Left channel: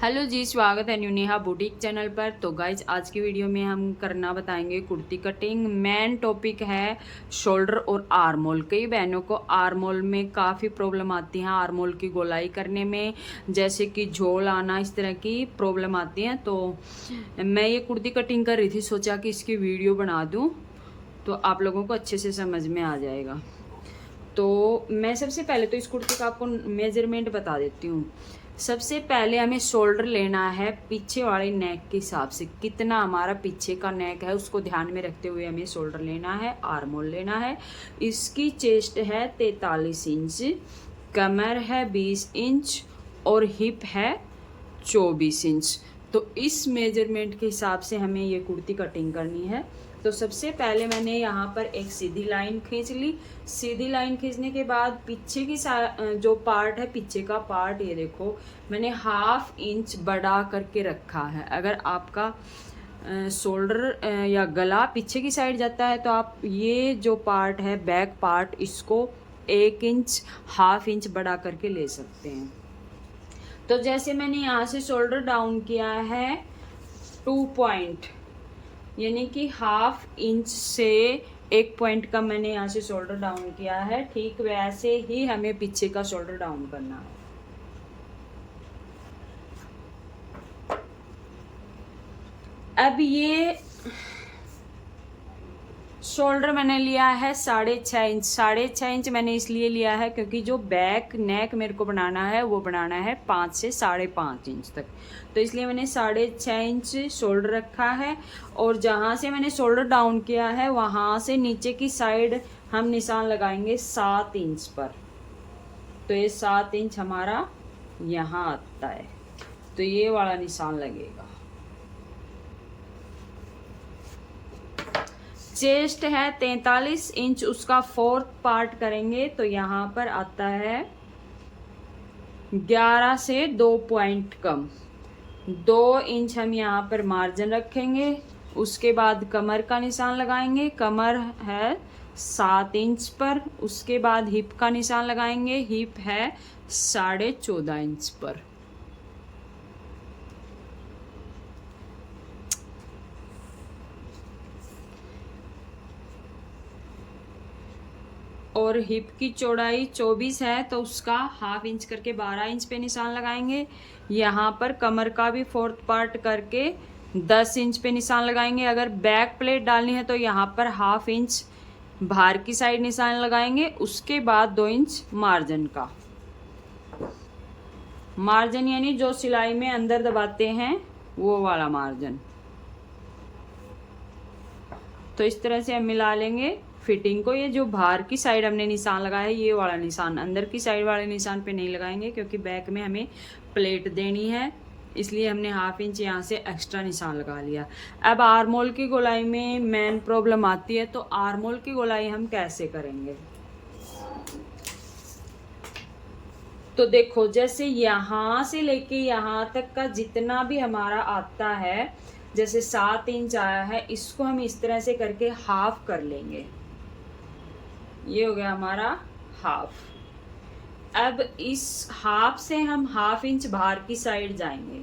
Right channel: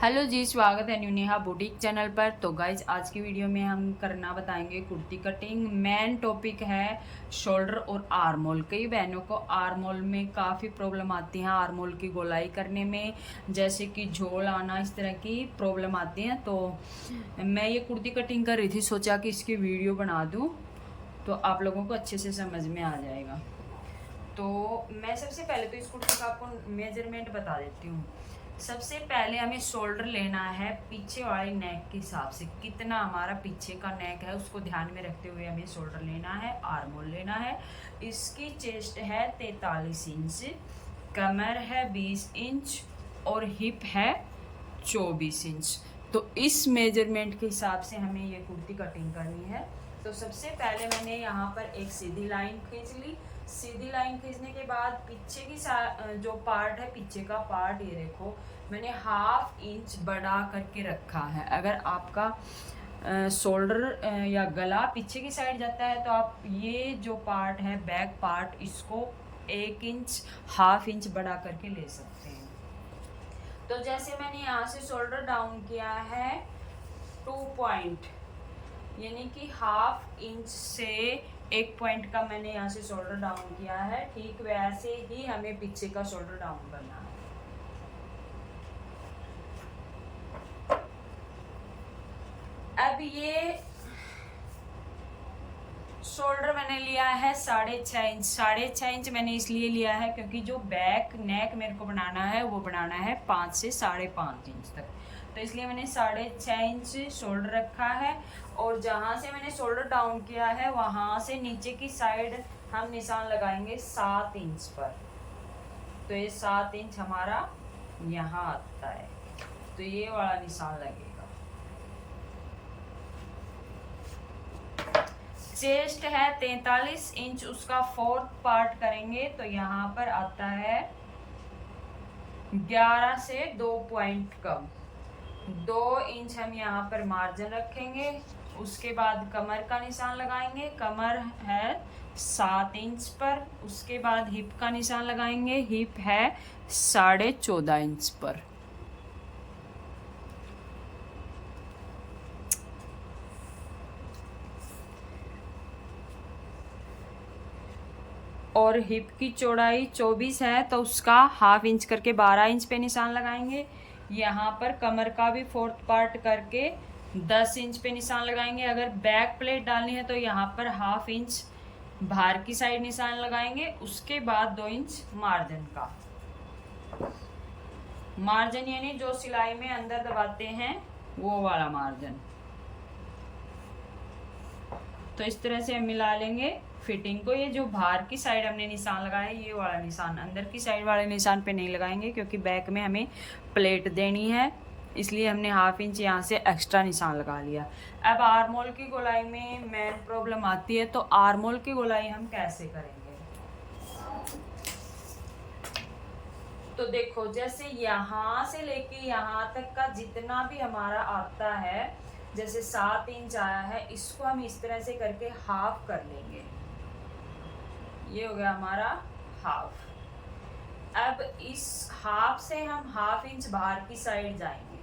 Hello जी, स्वागत है new Neha boutique channel पर। तो गाइज आज की वीडियो में हम करना बताएंगे कुर्ती कटिंग। मेन टॉपिक है शोल्डर और आर्म होल। कई बहनों को आर्म होल में काफ़ी प्रॉब्लम आती है, आर्म होल की गोलाई करने में, जैसे कि झोल आना, इस तरह की प्रॉब्लम आती है। तो मैं ये कुर्ती कटिंग कर रही थी, सोचा कि इसकी वीडियो बना दूँ तो आप लोगों को अच्छे से समझ में आ जाएगा। तो मैं सबसे पहले तो इस कुर्ती का आपको मेजरमेंट बता देती हूँ। सबसे पहले हमें शोल्डर लेना है पीछे वाले नेक के हिसाब से, कितना हमारा पीछे का नेक है उसको ध्यान में रखते हुए हमें शोल्डर लेना है, आर्म होल लेना है। इसकी चेस्ट है 43 इंच, कमर है 20 इंच और हिप है 24 इंच। तो इस मेजरमेंट के हिसाब से हमें ये कुर्ती कटिंग करनी है। तो सबसे पहले मैंने यहाँ पर एक सीधी लाइन खींच ली। सीधी लाइन खींचने के बाद पीछे की जो पार्ट है, पीछे का पार्ट, ये देखो मैंने ½ इंच बढ़ा करके रखा है। अगर आपका शोल्डर या गला पीछे की साइड जाता है तो आप ये जो पार्ट है बैक पार्ट, इसको 1 इंच ½ इंच बढ़ा करके ले सकते हैं। तो जैसे मैंने यहाँ से शोल्डर डाउन किया है 2 पॉइंट, यानी कि ½ इंच से 1 पॉइंट का मैंने यहाँ से शोल्डर डाउन किया है, ठीक वैसे ही हमें पीछे का शोल्डर डाउन करना है। अब ये शोल्डर मैंने लिया है 6.5 इंच। 6.5 इंच मैंने इसलिए लिया है क्योंकि जो बैक नेक मेरे को बनाना है वो बनाना है 5 से 5.5 इंच तक। तो इसलिए मैंने 6.5 इंच शोल्डर रखा है। और जहाँ से मैंने शोल्डर डाउन किया है वहाँ से नीचे की साइड हम निशान लगाएंगे 7 इंच पर। तो ये 7 इंच हमारा यहाँ आता है, तो ये वाला निशान लगेगा। चेस्ट है 43 इंच, उसका 4th पार्ट करेंगे तो यहाँ पर आता है 11 से 2 पॉइंट कम, 2 इंच हम यहाँ पर मार्जिन रखेंगे। उसके बाद कमर का निशान लगाएंगे, कमर है 7 इंच पर। उसके बाद हिप का निशान लगाएंगे, हिप है 14.5 इंच पर। और हिप की चौड़ाई 24 है तो उसका ½ इंच करके 12 इंच पे निशान लगाएंगे। यहाँ पर कमर का भी 4th पार्ट करके 10 इंच पे निशान लगाएंगे। अगर बैक प्लेट डालनी है तो यहाँ पर ½ इंच बाहर की साइड निशान लगाएंगे। उसके बाद 2 इंच मार्जिन का, मार्जिन यानी जो सिलाई में अंदर दबाते हैं वो वाला मार्जिन। तो इस तरह से हम मिला लेंगे फिटिंग को। ये जो बाहर की साइड हमने निशान लगाया है ये वाला निशान, अंदर की साइड वाले निशान पे नहीं लगाएंगे क्योंकि बैक में हमें प्लेट देनी है, इसलिए हमने ½ इंच यहाँ से एक्स्ट्रा निशान लगा लिया। अब आर्म होल की गोलाई में मेन प्रॉब्लम आती है, तो आर्म होल की गोलाई हम कैसे करेंगे। तो देखो जैसे यहाँ से लेके यहाँ तक का जितना भी हमारा आता है, जैसे 7 इंच आया है, इसको हम इस तरह से करके हाफ कर लेंगे। ये हो गया हमारा हाफ। अब इस हाफ से हम ½ इंच बाहर की साइड जाएंगे।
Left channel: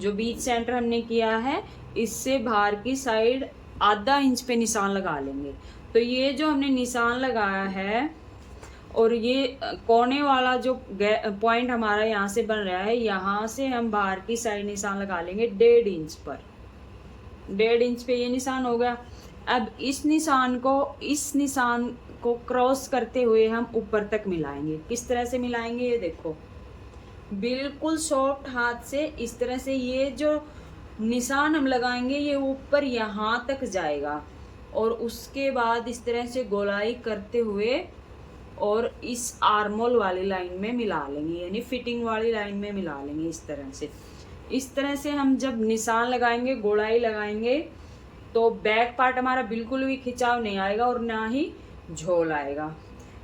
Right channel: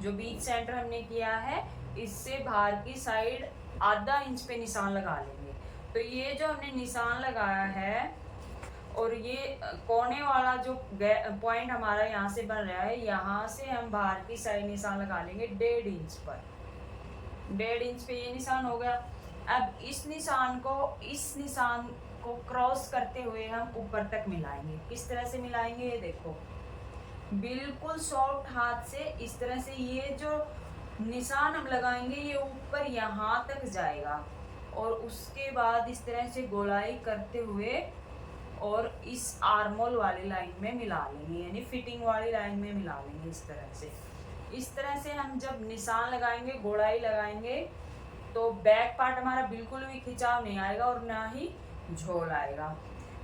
जो बीच सेंटर हमने किया है इससे बाहर की साइड ½ इंच पे निशान लगा लेंगे। तो ये जो हमने निशान लगाया है और ये कोने वाला जो पॉइंट हमारा यहाँ से बन रहा है, यहाँ से हम बाहर की साइड निशान लगा लेंगे 1.5 इंच पर। 1.5 इंच पे ये निशान होगा। अब इस निशान को क्रॉस करते हुए हम ऊपर तक मिलाएंगे। किस तरह से मिलाएंगे ये देखो, बिल्कुल सॉफ्ट हाथ से इस तरह से ये जो निशान हम लगाएंगे ये ऊपर यहाँ तक जाएगा। और उसके बाद इस तरह से गोलाई करते हुए और इस आर्मोल वाली लाइन में मिला लेंगे, यानी फिटिंग वाली लाइन में मिला लेंगे। इस तरह से हम जब निशान लगाएंगे, गोलाई लगाएंगे, तो बैक पार्ट हमारा बिल्कुल भी खिंचाव नहीं आएगा और ना ही झोल आएगा।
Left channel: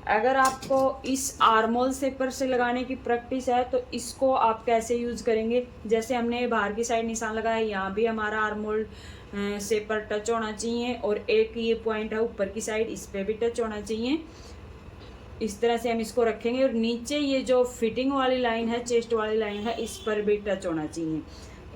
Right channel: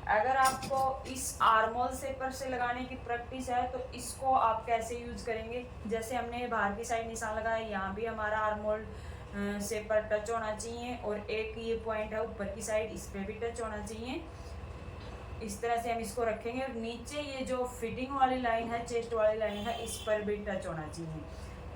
अगर आपको इस आर्मोल सेपर से लगाने की प्रैक्टिस है तो इसको आप कैसे यूज करेंगे, जैसे हमने बाहर की साइड निशान लगाया, यहाँ भी हमारा आर्मोल सेपर टच होना चाहिए और एक ये पॉइंट है ऊपर की साइड, इस पे भी टच होना चाहिए। इस तरह से हम इसको रखेंगे और नीचे ये जो फिटिंग वाली लाइन है, चेस्ट वाली लाइन है, इस पर भी टच होना चाहिए।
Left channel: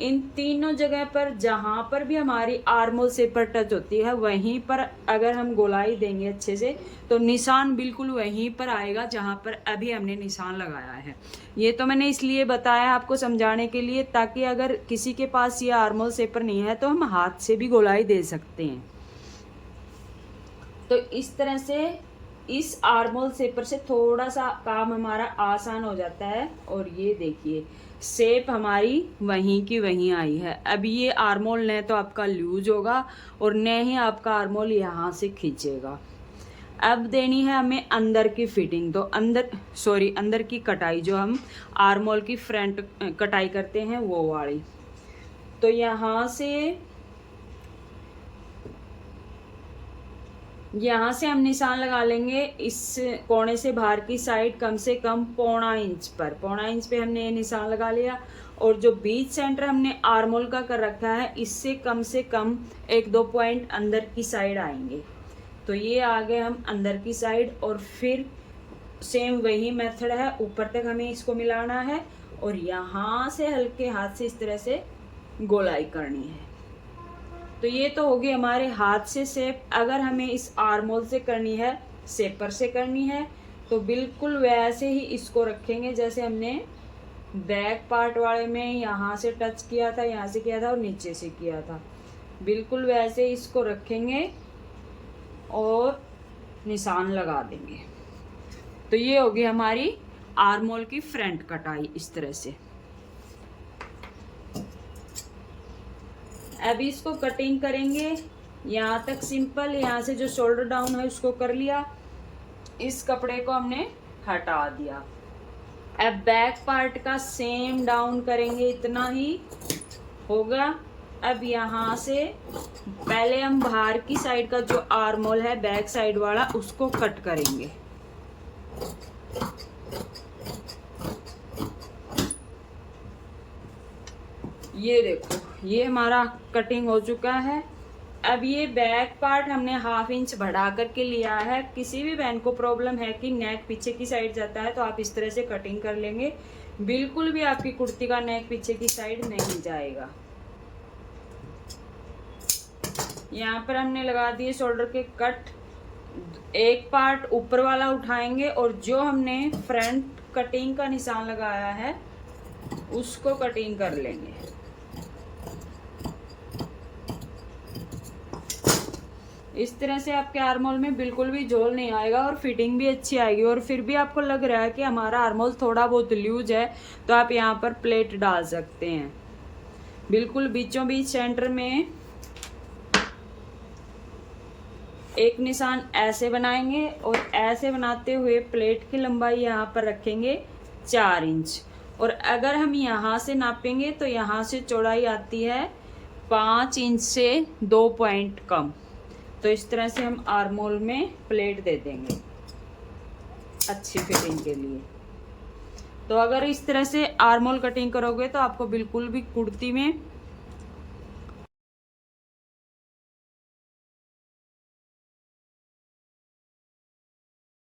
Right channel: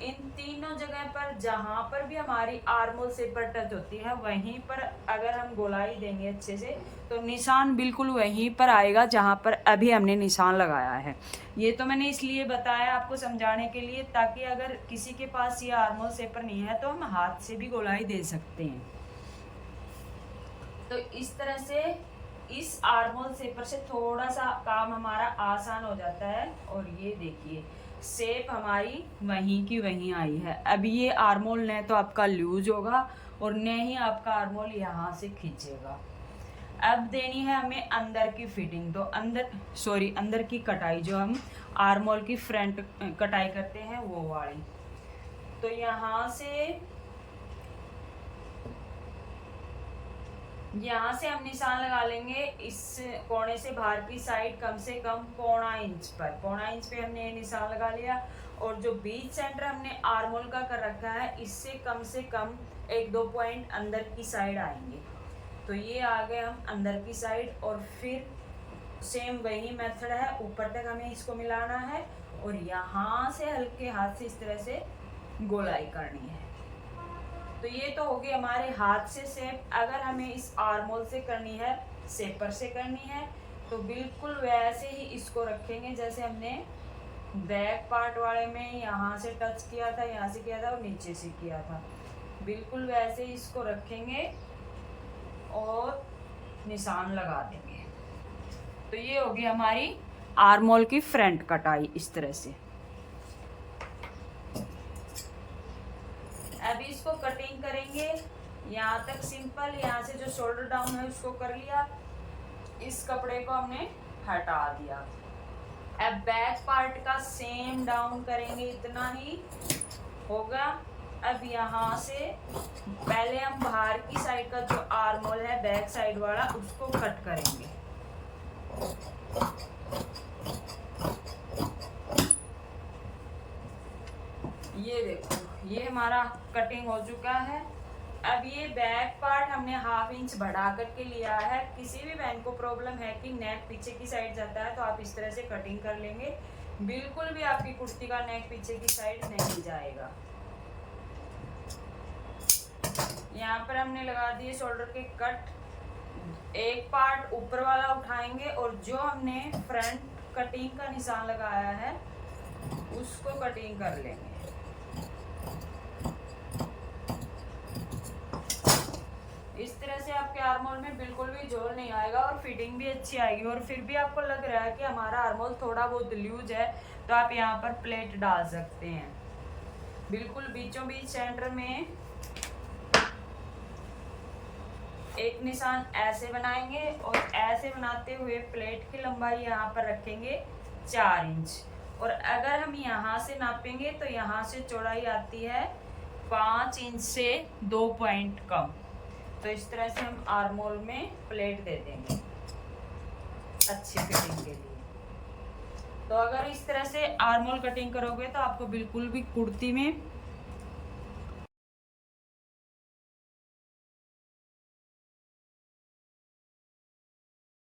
इन तीनों जगह पर जहाँ पर भी हमारी आर्मोल से पर टच होती है वहीं पर अगर हम गोलाई देंगे अच्छे से तो निशान बिल्कुल वहीं पर आएगा जहाँ पर अभी हमने निशान लगाया है। ये तो मैंने इसलिए बताया आपको समझाने के लिए, ताकि अगर किसी के पास ये आर्मोल सेपर नहीं है तो हम हाथ से भी गोलाई दे सकते हैं। तो इस तरह से इस आर्मोल सेपर से थोड़ा सा काम हमारा आसान हो जाता है। और ये देखिए शेप हमारी वहीं की वहीं आई है। अब ये आर्मोल न तो आपका लूज होगा और न ही आपका आर्मोल यहाँ से खींचेगा। अब देनी है हमें अंदर की फिटिंग, तो अंदर की कटाई, जो हम आर्मोल की फ्रंट कटाई करते हैं वो वाली। तो यहाँ से हम निशान लगा लेंगे इस कोने से बाहर की साइड कम से कम 1.25 इंच पर। 1.25 इंच पे हमने ये निशान लगा लिया। और जो बीच सेंटर हमने आर्मोल का कर रखा है इससे कम से कम 1-2 पॉइंट अंदर की साइड आएंगे। तो ये आ गए हम अंदर की साइड। और फिर सेम वही मेथड है, ऊपर तक हमें इसको मिलाना है और यहाँ से हल्के हाथ से इस तरह से गोलाई करनी है। तो ये तो होगी हमारे हाथ से शेप। अगर हमें इस आर्मोल से करनी है, शेपर से करनी है, तो बिल्कुल वैसे ही इसको रखेंगे जैसे हमने बैक पार्ट वाले में यहाँ से टच किया था, यहाँ से किया था और नीचे से किया था। बिल्कुल वैसे इसको रखेंगे और निशान लगा देंगे। तो ये होगी हमारी आर्मोल की फ्रंट कटाई इस तरह से। अभी इसको कटिंग करेंगे। यहाँ तक सिंपल, यहाँ से जो शोल्डर डाउन है उसको कर लिया, इस कपड़े को हमने हटा दिया। अब बैक पार्ट का सेम डाउन करेंगे, इतना ही होगा। अब यहाँ से पहले हम बाहर की साइड का जो आर्मोल है बैक साइड वाला उसको कट करेंगे। ये देखो ये हमारा कटिंग हो चुका है। अब ये बैक पार्ट हमने 1/2 इंच बढ़ा करके लिया है। किसी भी बहन को प्रॉब्लम है कि नेक पीछे की साइड जाता है तो आप इस तरह से कटिंग कर लेंगे, बिल्कुल भी आपकी कुर्ती का नेक पीछे की साइड नहीं जाएगा। यहाँ पर हमने लगा दिए शोल्डर के कट। एक पार्ट ऊपर वाला उठाएंगे और जो हमने फ्रंट कटिंग का निशान लगाया है उसको कटिंग कर लेंगे। इस तरह से आपके आर्मोल में बिल्कुल भी झोल नहीं आएगा और फिटिंग भी अच्छी आएगी। और फिर भी आपको लग रहा है कि हमारा आर्मोल थोड़ा बहुत लूज है तो आप यहाँ पर प्लेट डाल सकते हैं। बिल्कुल बीचों बीच सेंटर में एक निशान ऐसे बनाएंगे और ऐसे बनाते हुए प्लेट की लंबाई यहाँ पर रखेंगे 4 इंच। और अगर हम यहाँ से नापेंगे तो यहाँ से चौड़ाई आती है 5 इंच से 2 पॉइंट कम। तो इस तरह से हम आर्मोल में प्लेट दे देंगे अच्छी फिटिंग के लिए। तो अगर इस तरह से आर्मोल कटिंग करोगे तो आपको बिल्कुल भी कुर्ती में